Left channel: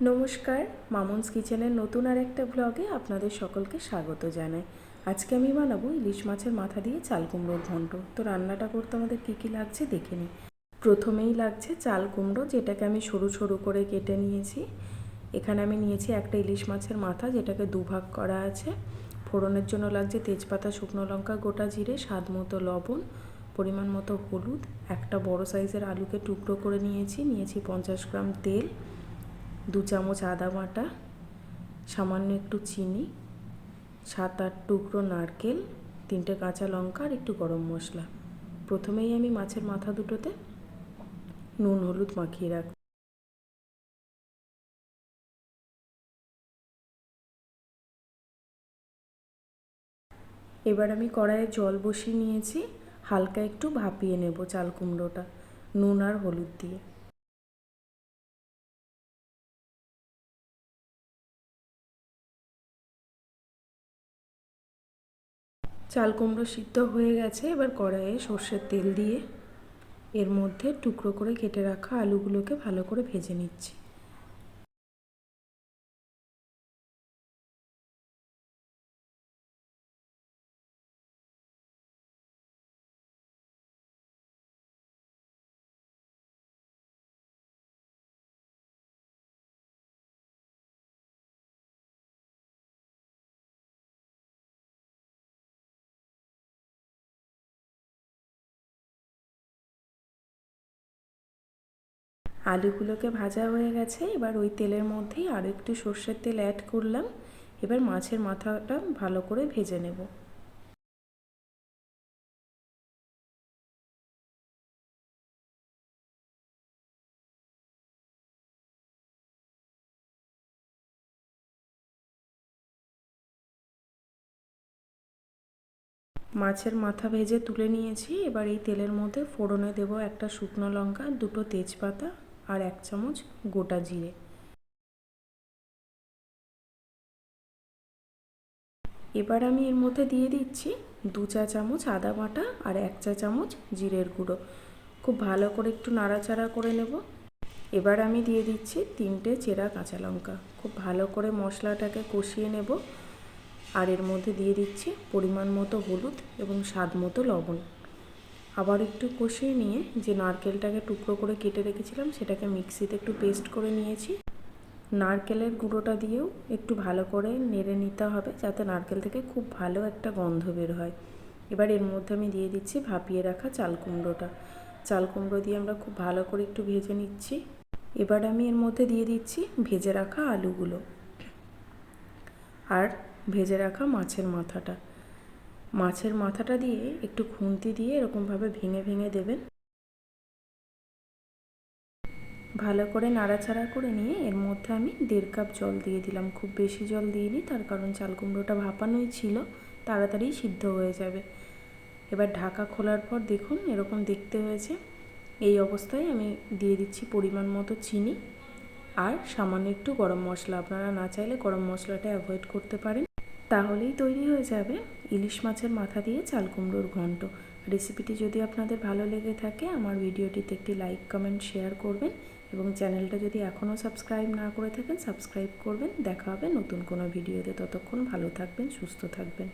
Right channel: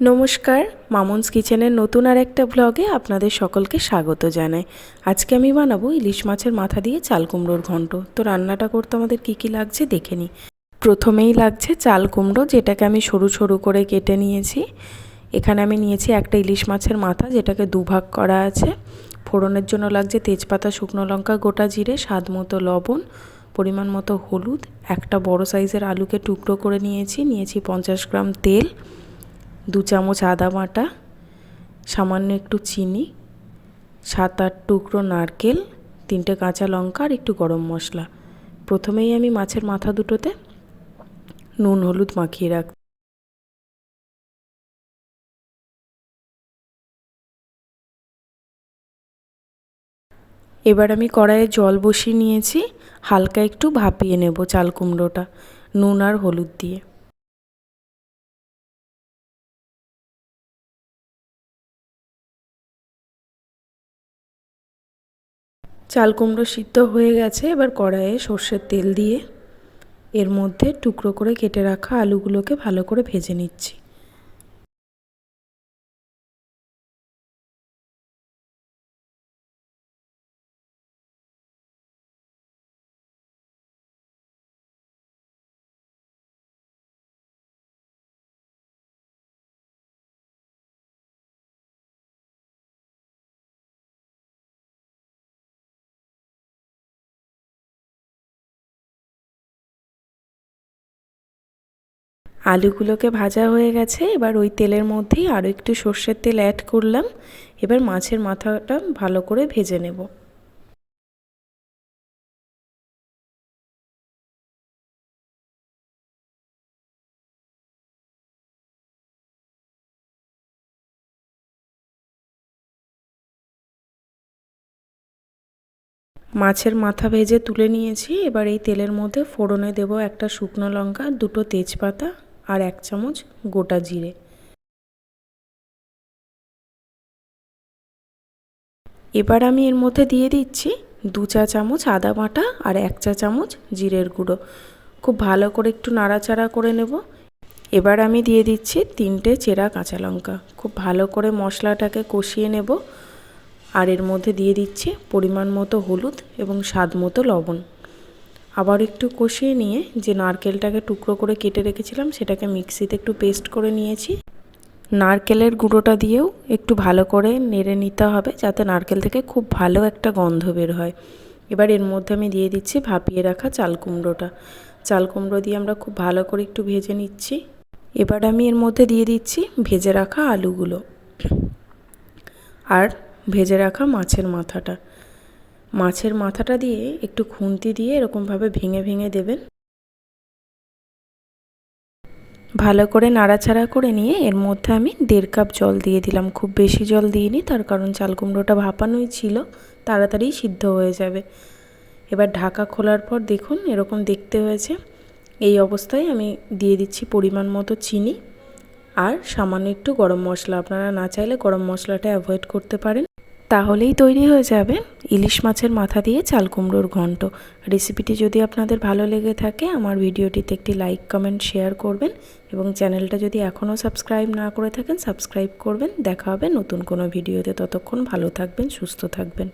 নমস্কার, মামনস কিচেনের নতুন আর একটা ব্লগে আপনাদের সকলকে স্বাগত জানাই। আজকে আমি বানাবো ইলিশ মাছের মাথা দিয়ে চাল কুমড়োর ঘন্ট। তো রান্নাটা করতে আমাদের কি লাগছে দেখে নিই। প্রথমেই লাগছে চাল কুমড়ো, যেটাকে আমি সরু সরু করে কেটে নিয়েছি। এখানে আমি নিয়েছি একটা ইলিশ মাছের মাথা, যেটাকে দুভাগ করা আছে। ফোড়নের জন্য লাগছে তেজপাতা, শুকনো লঙ্কা, গোটা জিরে, স্বাদ মতো লবণ, পরিমাণ মতো হলুদ, একটা বড় সাইজের আলুকে টুকরো করে নিয়েছি 50 গ্রাম তেল, 2 চামচ আদা বাটা, সামান্য একটু চিনি, 7-8 টুকরো নারকেল, 3টে কাঁচা লঙ্কা আর একটু গরম মশলা। প্রথমেই আমি মাছের মাথা দুটোতে নুন হলুদ মাখিয়ে রাখছি। এবার আমি কড়াইয়ে জল বসিয়ে নিয়েছি, হালকা একটু ভাপিয়ে নেব চাল কুমড়োটা নুন আর হলুদ দিয়ে। চাল কুমড়ো সিদ্ধ হয়ে গেছে। এবার কড়াইয়ে সর্ষের তেল দিয়ে এর মধ্যে টুকরো করে কেটে রাখা আলুগুলোকে ভালো করে ভেজে নিচ্ছি। আলুগুলোকে ভাজা হয়ে গেছে। এবার ওই তেলের মধ্যেই আরও একটু সর্ষের তেল অ্যাড করলাম। এবার মাছের মাথাটা ভালো করে ভেজে নেব। মাছের মাথা ভেজে তুলে নিয়েছি। এবার এই তেলের মধ্যে ফোড়নে দেব একটা শুকনো লঙ্কা, 2টো তেজপাতা আর 1 চামচ গোটা জিরে। এবার আমি এর মধ্যে দিয়ে দিচ্ছি 2 চা চামচ আদা বাটা আর 1 চা চামচ জিরের গুঁড়ো। খুব ভালো করে একটু নাড়াচাড়া করে নেব। এবার আমি দিয়ে দিচ্ছি 3টে চেরা কাঁচা লঙ্কা। খুব ভালো করে মশলাটাকে কষিয়ে নেব। আর এর মধ্যে দিয়ে দিচ্ছি পরিমাণ মতো হলুদ এবং স্বাদ মতো লবণ। আবার একটু কষিয়ে নিয়ে যে নারকেলটাকে টুকরো করে কেটে রেখেছিলাম সেটাকে মিক্সিতে একটু পেস্ট করে নিয়েছি। নারকেলের গুঁড়োটা দিয়েও একটু ভালো করে নেড়ে নিতে হবে, যাতে নারকেল থেকে খুব ভালো একটা গন্ধ বের হয়। এবার এর মধ্যে আমি দিয়ে দিচ্ছি ভাপিয়ে রাখা চাল কুমড়োটা। চাল কুমড়ো দিয়ে আমরা খুব ভালো করে একটু ভেজে নিচ্ছি। এবার আমি এর মধ্যে দিয়ে দিচ্ছি ভেজে রাখা আলুগুলো আর ভেজে রাখা মাছের মাথাটা। মাছের মাথাটা দিয়ে একটু খুন্তি দিয়ে এরকমভাবে ভেঙে ভেঙে দেবেন। ভালো করে নাড়াচাড়া করে নিয়ে এর মধ্যে আমি 1.5 কাপ জল দিয়ে দিলাম। খুব বেশি জল দিইনি, তার কারণ চাল কুমড়োটা ভাপানোই ছিল, তাড়াতাড়ি সিদ্ধ হয়ে যাবে। এবার ঢাকা খোলার পর দেখুন এরকম দেখতে হয়েছে। এই অবস্থায় আমি দিয়ে দিচ্ছি পরিমাণ মতো চিনি আর সামান্য একটু গরম মশলা। আপনারা না চাইলে গরম মশলাটা অ্যাভয়েড করতে পারেন। তাহলেই তৈরি হয়ে যাবে ইলিশ মাছের মাথা দিয়ে চাল কুমড়োর ঘন্ট। রেসিপিটি যদি আপনাদের ভালো লেগে থাকে আমার ভিডিওটিতে একটি লাইক কমেন্ট শেয়ার করবেন এবং চ্যানেলটা যদি এখনও সাবস্ক্রাইব না করে থাকেন সাবস্ক্রাইব করবেন। দেখা হবে নতুন কোনো ভিডিওতে। ততক্ষণ ভালো থাকবেন, সুস্থ থাকবেন।